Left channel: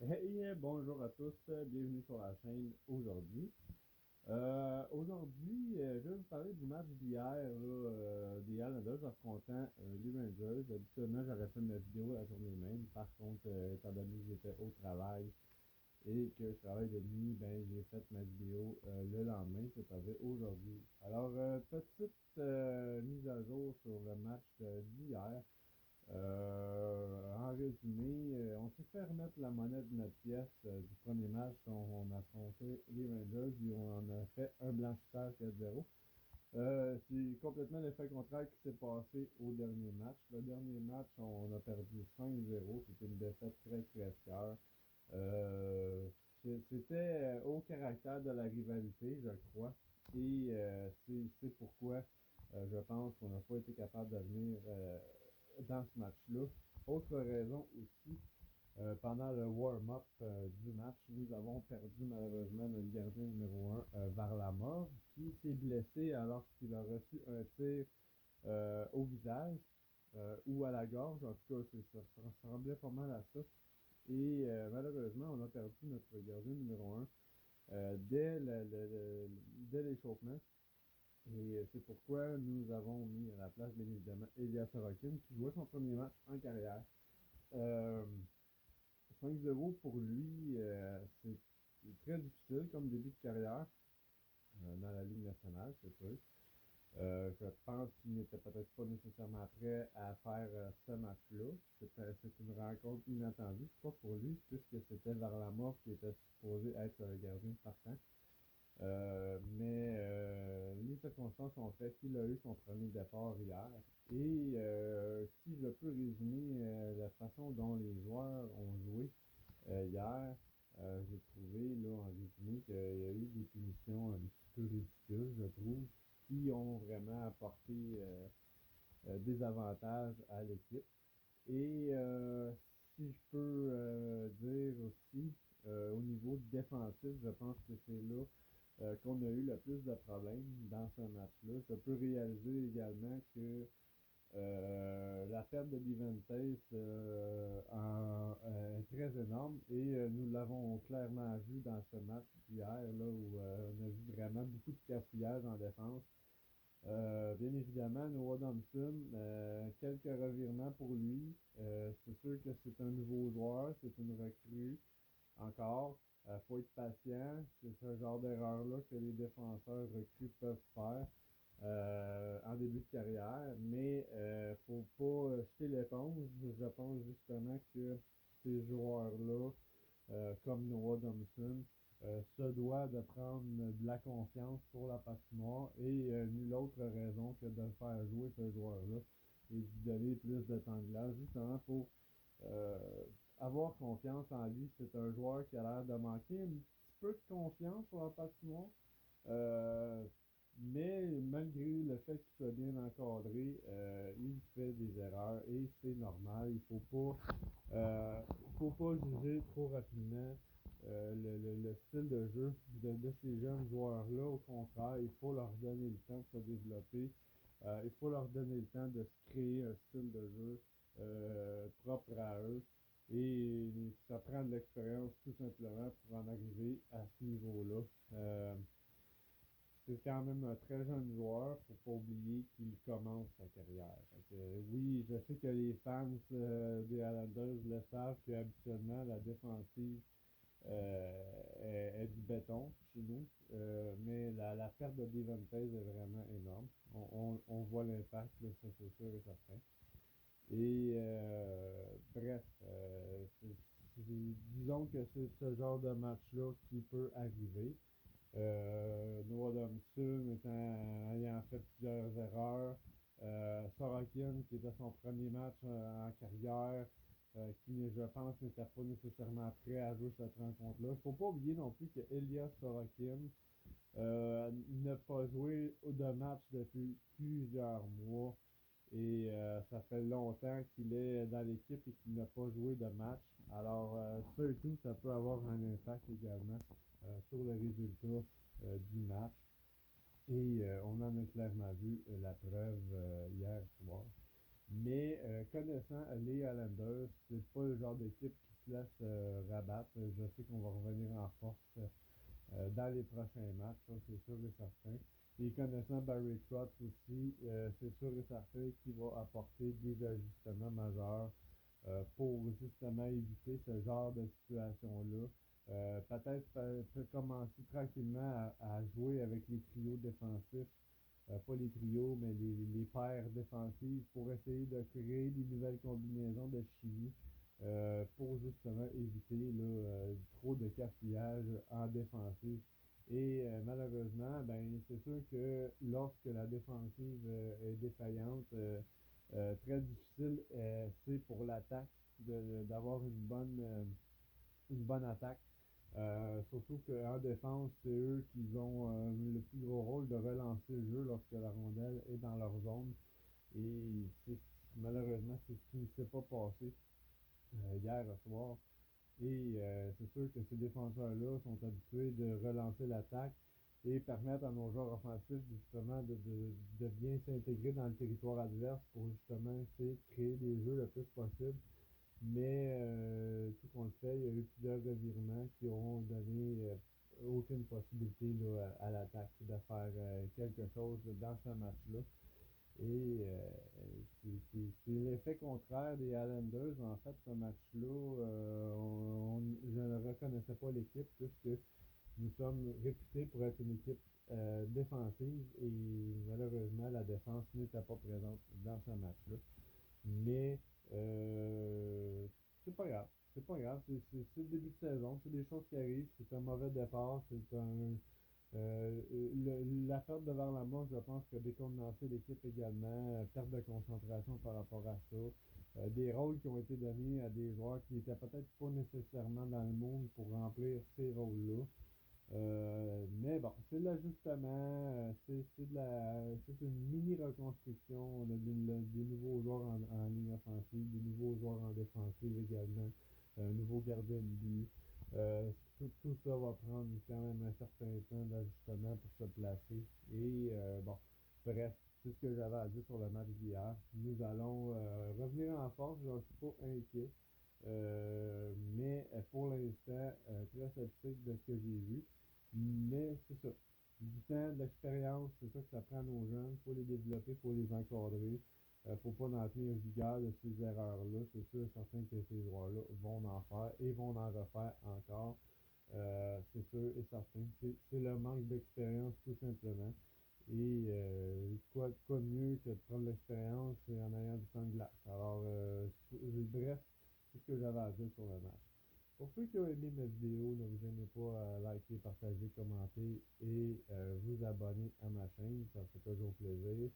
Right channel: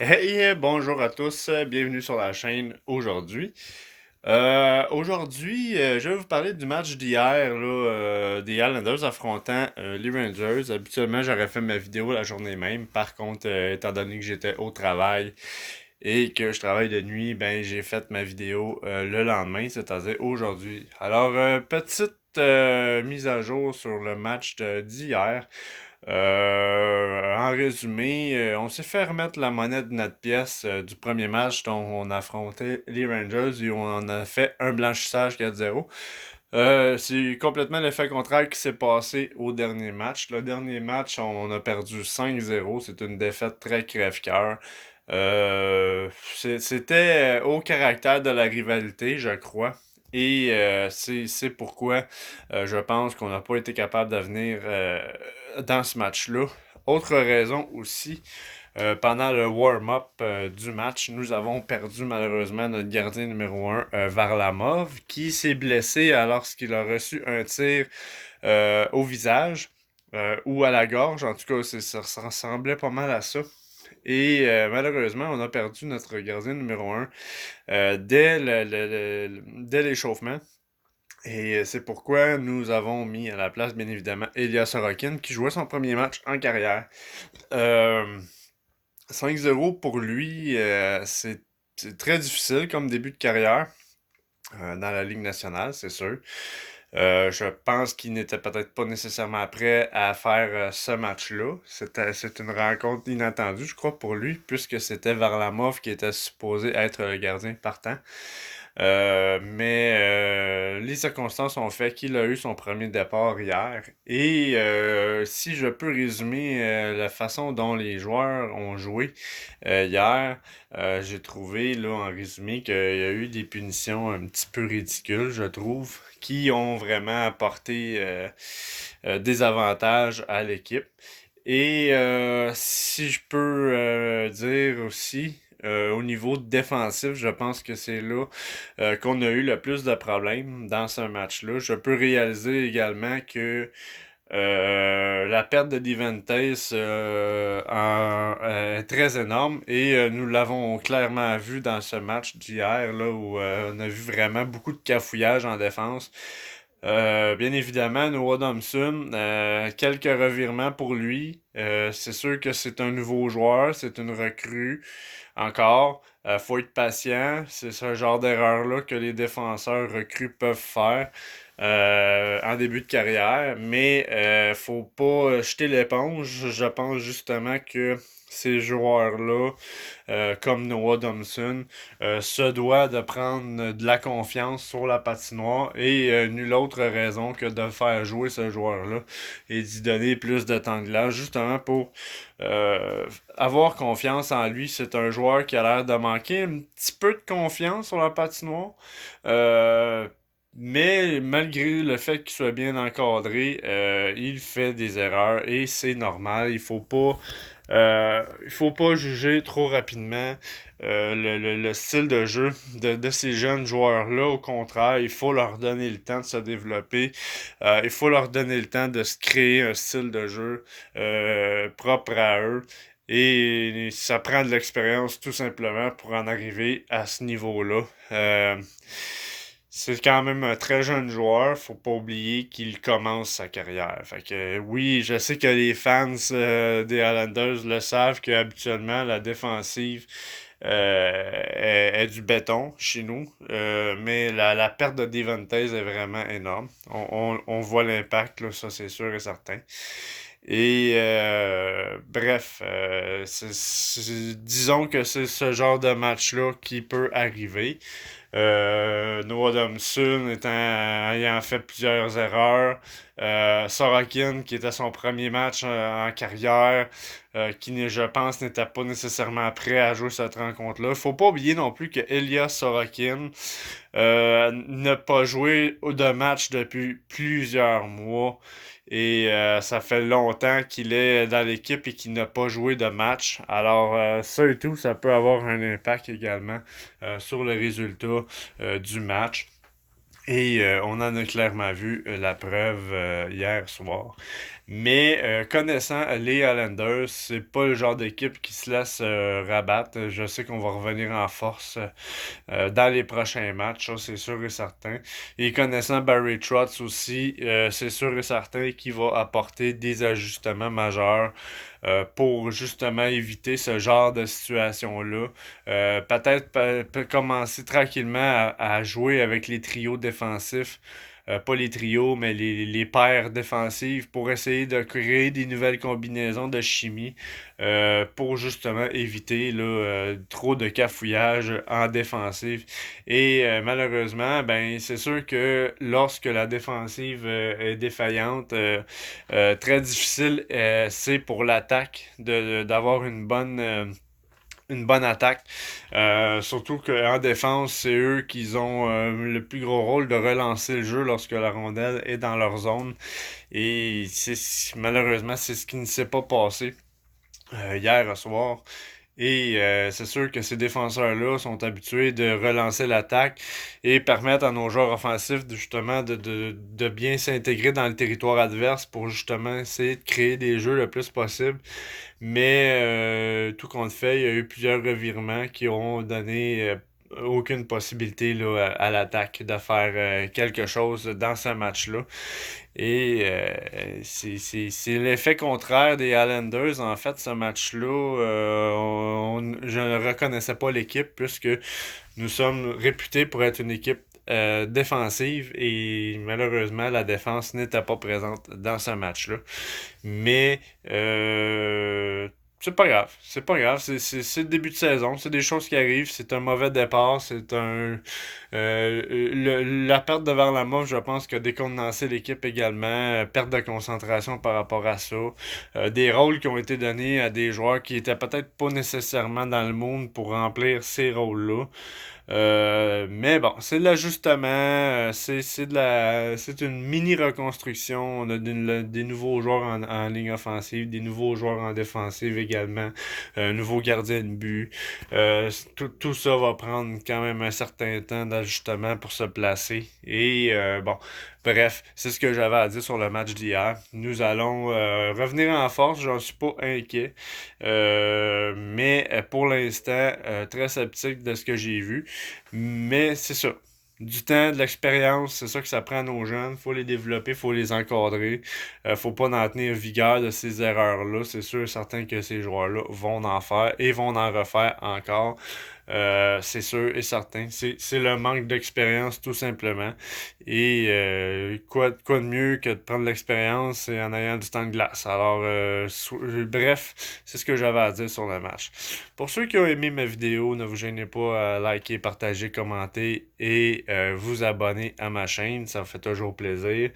Hey, bonjour à tous, bienvenue sur la chaîne aujourd'hui. Je vais vous parler du match d'hier, là, des Islanders affrontant les Rangers. Habituellement, j'aurais fait ma vidéo la journée même. Par contre, étant donné que j'étais au travail et que je travaille de nuit, ben j'ai fait ma vidéo le lendemain, c'est-à-dire aujourd'hui. Alors, petite mise à jour sur le match d'hier. En résumé, on s'est fait remettre la monnaie de notre pièce du premier match dont on affrontait les Rangers et on a fait un blanchissage 4-0. C'est complètement l'effet contraire qui s'est passé au dernier match. Le dernier match, on a perdu 5-0. C'est une défaite très crève-cœur. C'était au caractère de la rivalité, je crois. Et c'est pourquoi je pense qu'on n'a pas été capable de venir dans ce match-là. Autre raison aussi, pendant le warm-up du match, nous avons perdu malheureusement notre gardien numéro un, Varlamov, qui s'est blessé lorsqu'il a reçu un tir au visage ou à la gorge. En tout cas, ça ressemblait pas mal à ça. Et malheureusement, on a perdu notre gardien numéro un dès l'échauffement. Et c'est pourquoi nous avons mis à la place, bien évidemment, Elias Sorokin, qui jouait son premier match en carrière. Euh, 5-0 pour lui, c'est très difficile comme début de carrière dans la Ligue nationale, c'est sûr. Je pense qu'il n'était peut-être pas nécessairement prêt à faire ce match-là. C'est une rencontre inattendue, je crois, pour lui, puisque c'était Varlamov qui était supposé être le gardien partant. Mais les circonstances ont fait qu'il a eu son premier départ hier. Et si je peux résumer la façon dont les joueurs ont joué hier, j'ai trouvé là en résumé qu'il y a eu des punitions un petit peu ridicules, je trouve, qui ont vraiment apporté des avantages à l'équipe. Et si je peux dire aussi, au niveau défensif, je pense que c'est là qu'on a eu le plus de problèmes dans ce match-là. Je peux réaliser également que la perte de Diventes est très énorme et nous l'avons clairement vu dans ce match d'hier là où on a vu vraiment beaucoup de cafouillage en défense. Bien évidemment, Noah Thompson, quelques revirements pour lui. C'est sûr que c'est un nouveau joueur, c'est une recrue encore. Faut être patient. C'est ce genre d'erreur-là que les défenseurs recrues peuvent faire en début de carrière. Mais faut pas jeter l'éponge. Je pense justement que ces joueurs-là, comme Noah Thompson, se doit de prendre de la confiance sur la patinoire et nulle autre raison que de faire jouer ce joueur-là et d'y donner plus de temps de glace, justement pour euh, avoir confiance en lui. C'est un joueur qui a l'air de manquer un petit peu de confiance sur la patinoire. Euh, mais malgré le fait qu'il soit bien encadré, il fait des erreurs et c'est normal. Il faut pas juger trop rapidement le style de jeu de ces jeunes joueurs-là. Au contraire, il faut leur donner le temps de se développer. Il faut leur donner le temps de se créer un style de jeu propre à eux. Et ça prend de l'expérience tout simplement pour en arriver à ce niveau-là. C'est quand même un très jeune joueur, faut pas oublier qu'il commence sa carrière. Fait que oui, je sais que les fans des Highlanders le savent que habituellement la défensive est du béton chez nous. Mais la perte de Devontae est vraiment énorme. On voit l'impact, là, ça c'est sûr et certain. Et bref, disons que c'est ce genre de match-là qui peut arriver. Noah Thompson ayant fait plusieurs erreurs. Sorokin, qui était son premier match en carrière, qui, je pense, n'était pas nécessairement prêt à jouer cette rencontre-là. Faut pas oublier non plus que Elias Sorokin n'a pas joué de match depuis plusieurs mois. Et ça fait longtemps qu'il est dans l'équipe et qu'il n'a pas joué de match. Alors, ça et tout, ça peut avoir un impact également sur le résultat du match. Et on en a clairement vu la preuve hier soir. Mais connaissant les Highlanders, c'est pas le genre d'équipe qui se laisse rabattre. Je sais qu'on va revenir en force dans les prochains matchs, ça, c'est sûr et certain. Et connaissant Barry Trotz aussi, c'est sûr et certain qu'il va apporter des ajustements majeurs pour justement éviter ce genre de situation-là. Peut-être peut commencer tranquillement à jouer avec les trios défensifs. Pas les trios, mais les paires défensives pour essayer de créer des nouvelles combinaisons de chimie pour justement éviter là, trop de cafouillage en défensive. Et malheureusement, ben c'est sûr que lorsque la défensive est défaillante, très difficile c'est pour l'attaque d'avoir une bonne attaque. Surtout qu'en défense, c'est eux qui ont le plus gros rôle de relancer le jeu lorsque la rondelle est dans leur zone. Et malheureusement, c'est ce qui ne s'est pas passé hier soir. Et c'est sûr que ces défenseurs-là sont habitués de relancer l'attaque et permettre à nos joueurs offensifs justement de bien s'intégrer dans le territoire adverse pour justement essayer de créer des jeux le plus possible. Mais tout compte fait, il y a eu plusieurs revirements qui ont donné aucune possibilité là, à l'attaque de faire quelque chose dans ce match-là. Et c'est l'effet contraire des Highlanders. En fait, ce match-là, je ne reconnaissais pas l'équipe puisque nous sommes réputés pour être une équipe défensive et malheureusement, la défense n'était pas présente dans ce match-là. Mais c'est pas grave. C'est pas grave. C'est le début de saison. C'est des choses qui arrivent. C'est un mauvais départ. C'est un. La perte de Varlamov, je pense que décontenancé l'équipe également. Perte de concentration par rapport à ça. Des rôles qui ont été donnés à des joueurs qui étaient peut-être pas nécessairement dans le monde pour remplir ces rôles-là. Mais bon, c'est de l'ajustement, c'est une mini reconstruction. On a des nouveaux joueurs en ligne offensive, des nouveaux joueurs en défensive également, un nouveau gardien de but. Tout ça va prendre quand même un certain temps d'ajustement pour se placer. Et bon, bref, c'est ce que j'avais à dire sur le match d'hier. Nous allons revenir en force, j'en suis pas inquiet. Mais pour l'instant, très sceptique de ce que j'ai vu. Mais c'est ça. Du temps, de l'expérience, c'est ça que ça prend à nos jeunes. Faut les développer, faut les encadrer. Faut pas en tenir vigueur de ces erreurs-là. C'est sûr et certain que ces joueurs-là vont en faire et vont en refaire encore. C'est sûr et certain. C'est le manque d'expérience tout simplement. Et quoi de mieux que de prendre l'expérience en ayant du temps de glace. Alors, bref, c'est ce que j'avais à dire sur le match. Pour ceux qui ont aimé ma vidéo, ne vous gênez pas à liker, partager, commenter et vous abonner à ma chaîne. Ça me fait toujours plaisir.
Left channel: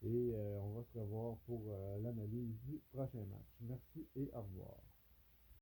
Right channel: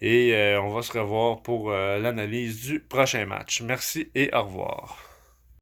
Et on va se revoir pour l'analyse du prochain match. Merci et au revoir.